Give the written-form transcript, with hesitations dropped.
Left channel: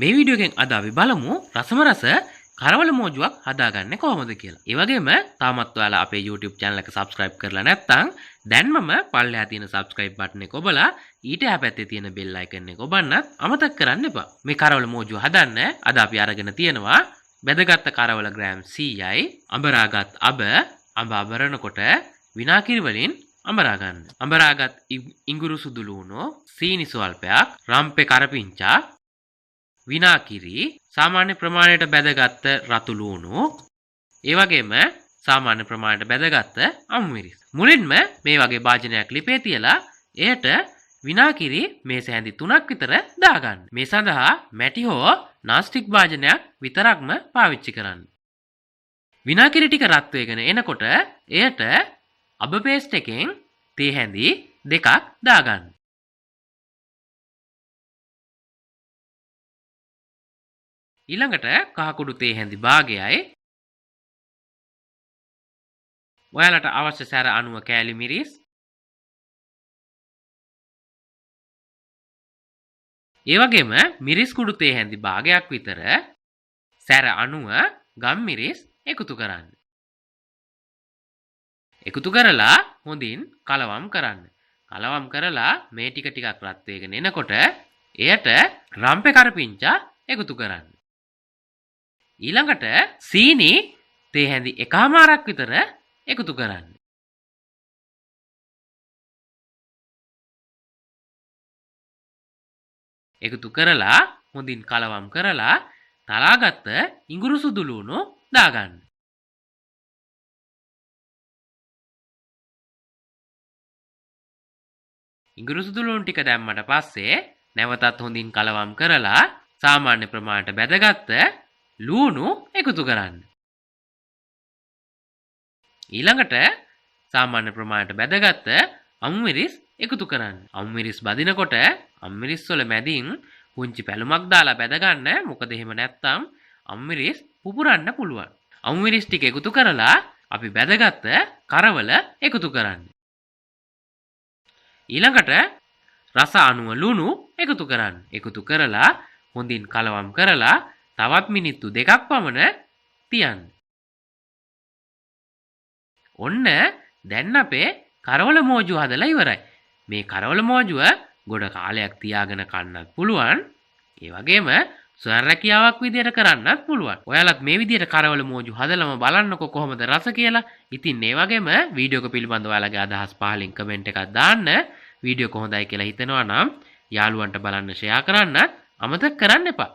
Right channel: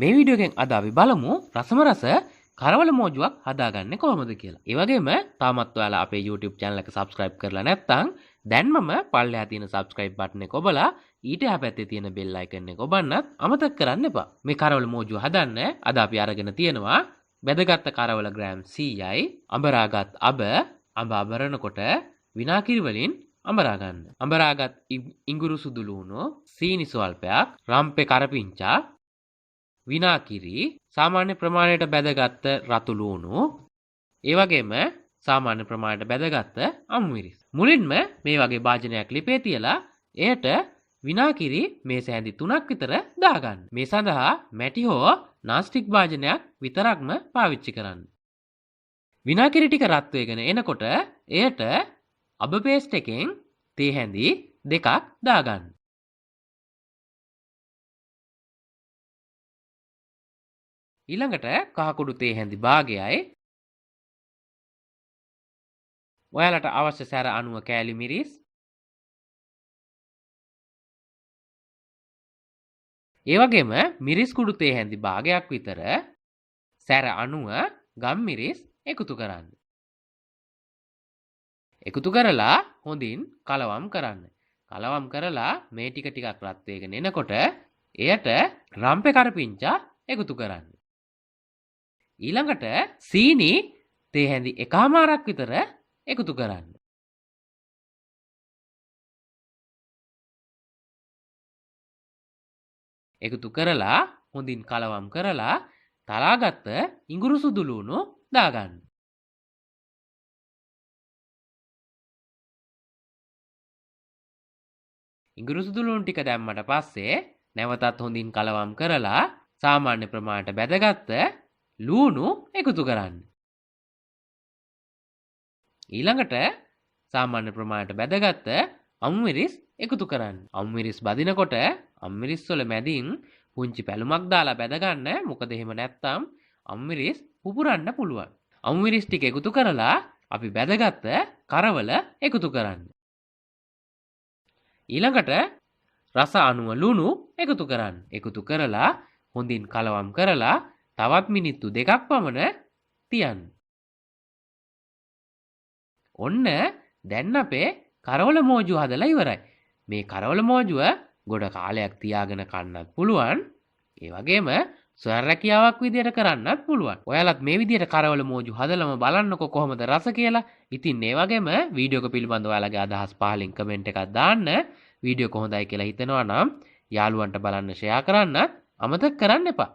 මේ වීඩියෝ එකෙන් අද අපි බලමු රසම රස කරවල මෝජුවක් හදාගන්නේ කොහොමද කියලා. ඒ වගේම තාමත් ඔයාලා අපේ YouTube channel එක subscribe කරලා නැත්නම් දැන්මම පල්ලෙහා තියෙන subscribe button එක ඔබලා ඊට එහා පැත්තේ තියෙන bell icon එක ඔබන්නත් අමතක කරන්න එපා. මේ කරවල මෝජුව හදන්න අද අපි අරගෙන තියෙනවා බෙදගත් කරවල ග්‍රෑම් 100යි, අඹරාගත් අඹ අඹරනකොට විනාකිරි වලින් අඹරා ගන්න. අඹරාගත් ඉඟුරු සුදු ලුණු, සීනි ස්වල්පයක්, රම්පේ කරපිංචා, විනාකිරි, සාමාන්‍ය ප්‍රමාණයට බැදගත්ත රතු ලුණු, ඒ වගේම සාමාන්‍ය ප්‍රමාණයට බැදගත්ත අමුමිරිස්. මුලින්ම මේ වගේ භාජනයක් ලිපේ තියලා එයට විනාකිරි මේස හැඳි 3ක් විතර දාගන්න. මේ සඳහා මැටි හෝ නාස්ටික් භාජනයක් විතරක්ම පාවිච්චි කරන්න. විනාකිරි ටික රත් වෙගෙන එනකොට එයට අබ පේස්ට් එකෙන් තේ හැඳි 2ක් දාගන්න. ඊළඟට කහකුඩු තේ හැඳි භාගයයි, ඔයාලට අවශ්‍ය සැර අණුව කෑලි මිරිස්, ඒ වගේම මිරිස් කුඩු තේ හැඳි භාගයක් විතර සැර අණුව ගම් මිරිස් එකතු කරන්න. එකතු කරලා හොඳින් කලවම් කරන්න. කලවම් කරලා මේ ටික ටිකක් රත් වෙගෙන එනකොට එයට රම්පේ කරපිංචා එකතු කරන්න. ඊළඟට සීනි තේ හැඳි 1/4ක් විතර එකතු කරන්න. එකතු කරලා හොඳින් කලවම් කරලා තලාගත්ත ඉඟුරු සුදු ලුණු දාගන්න. ඉඟුරු සුදු ලුණු ටික දැම්මට පස්සේ නැවතත් හොඳින් කලවම් කරලා සාමාන්‍ය ප්‍රමාණයට බැදගත්ත ලුණු එකතු කරන්න. ඊළඟට සාමාන්‍ය ප්‍රමාණයට බැදගත්ත අමුමිරිස් එකතු කරන්න. අමුමිරිස් බදිනකොට අමුමිරිස් වල මැදින් පුංචි පැලුමක් දාලා බැද ගන්න. මොකද එහෙම නැත්නම් අමුමිරිස් පුපුරන්න පුළුවන්. අමුමිරිස් ටික එකතු කරලා අපි බැදගත්ත කරවල එකතු කරන්න. ඊළඟට රස අණුව ලුණු එකතු කරන්න. එකතු කරලා හොඳින් කලවම් කරලා තවත් මිනිත්තු 2ක් පමණ තියන්න. ඔන්න දැන් අපේ කරවල මෝජුව හදලා ඉවරයි. මේ කරවල මෝජුව ගොඩ කාලයක් තියාගෙන කන්නත් පුළුවන්. ඒ වගේම ස්වයං රැකියාවක් විදියට කරන්නත් පුළුවන්. ඔයාලත් මේ විදියට කරවල මෝජු හදලම බලන්නකො කොහොමද රස කියලා. ඉතින් ඒ වගේම වීඩියෝ එක පිළිබඳව ඔයාලගේ අදහස් පහලින් කමෙන්ට් එකක් දාන්න. වීඩියෝ එක හොඳයි කියලා හිතෙනවා නම් යාළුවන්ට බලන්න ෂෙයා කරන්න අමතක කරන්න එපා.